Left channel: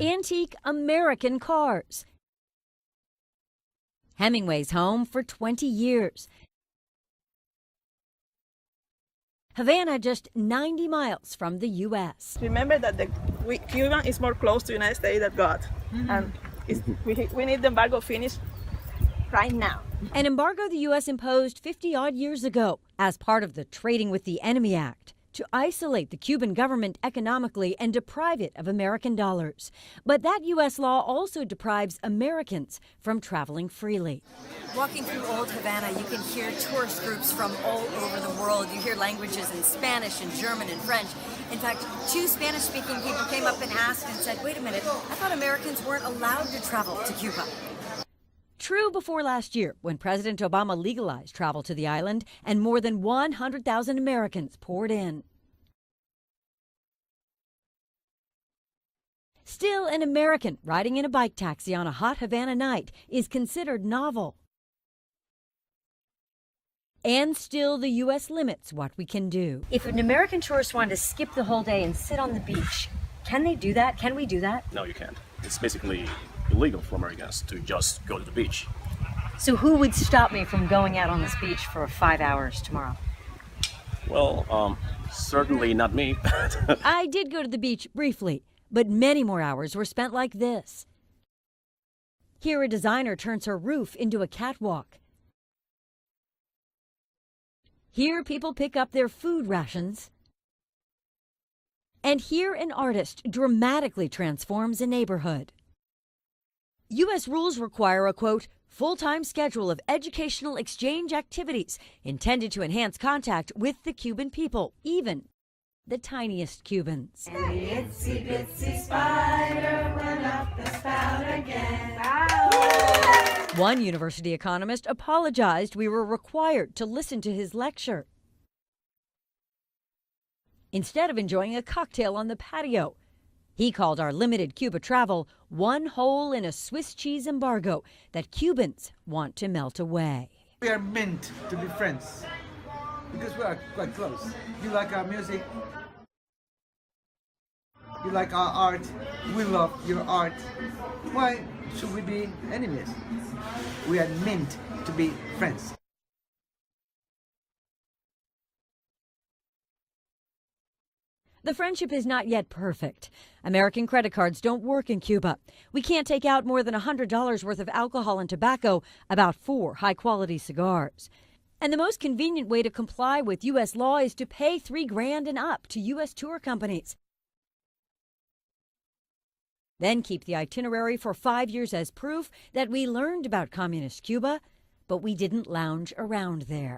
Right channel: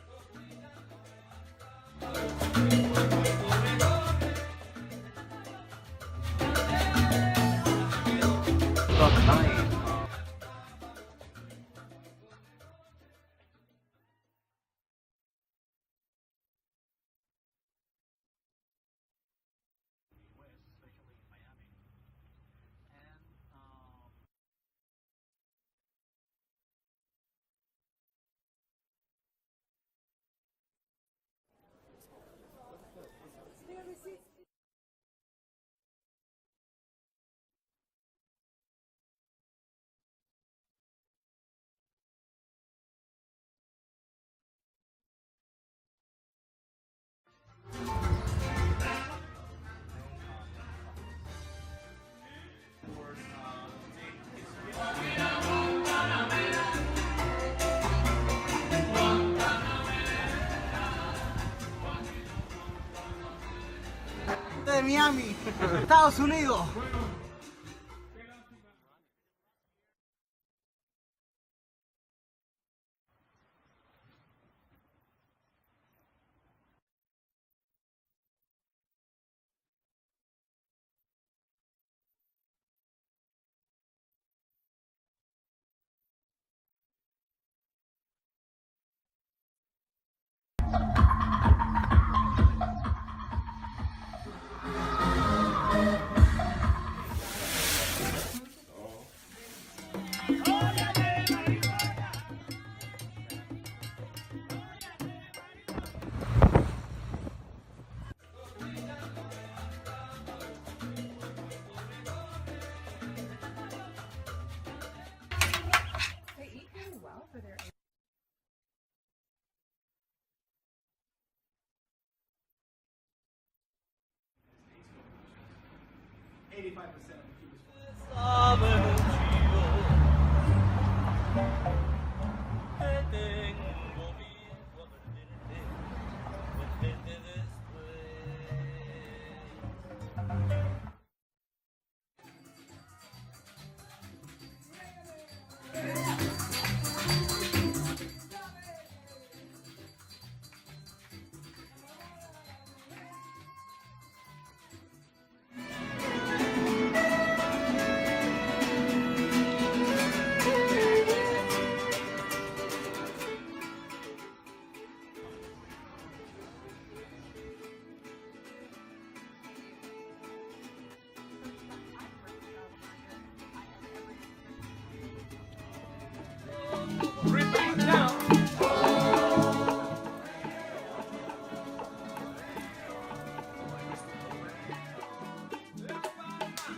antique American cars. Hemingway's home for 20 years. Havana, just 90 miles from the U.S. Remember that Cuba is more close to the United States than God. And we need the embargo finished right now. An embargo the U.S. imposed 50-odd years ago as part of the Trading with the Enemy Act to isolate the Cuban government economically and deprive it of American dollars. But that U.S. law also deprives Americans from traveling freely. Walking through Old Havana, you can hear tourist groups from all over the world. You hear languages in Spanish and German and French. In fact, 2 Spanish-speaking people came up and asked and said, wait a minute, I thought Americans weren't allowed to travel to Cuba. True before last year, when President Obama legalized travel to the island and more than 100,000 Americans poured in. Still, an American riding in a bike taxi on a hot Havana night is considered novel. Miami, Estados Unidos. And still, the U.S. limits what we can do. If an American tourist wanted to skip the whole day and sit on the beach, can they do that? Can we do that? No, you can't. It's basically illegal for Americans to just go to the beach. So who would stop me from going out on this beach for 5 hours tomorrow? Well, certainly not me. I did go to the beach briefly, but many more hours were spent like this. Here, a designer turns her roof into a catwalk. Here, people pick up their food rations. And here, an artist dramatically transforms a neighborhood. U.S. rules require a, quote, full-time schedule of educational exchange activities intended to enhance contact with the Cuban people, even the tiniest Cubans. And the itsy bitsy spider went up the spout again. One university economist apologized we were required to listen to his lecture instead of enjoying a cocktail on the patio. He called our limited Cuba travel one hole in a Swiss cheese embargo that Cubans want to melt away. We are meant to be friends because we are quite close. You like our music, you like our art, we love your art. Why should we be enemies? We are meant to be friends. The friendship is not yet perfect. American credit cards don't work in Cuba. We can't take out more than $100 worth of alcohol and tobacco, about 4 high-quality cigars. And the most convenient way to comply with U.S. law is to pay $3 grand and up to U.S. tour companies. Then keep the itinerary for 5 years as proof that we learned about communist Cuba, but we didn't lounge around there.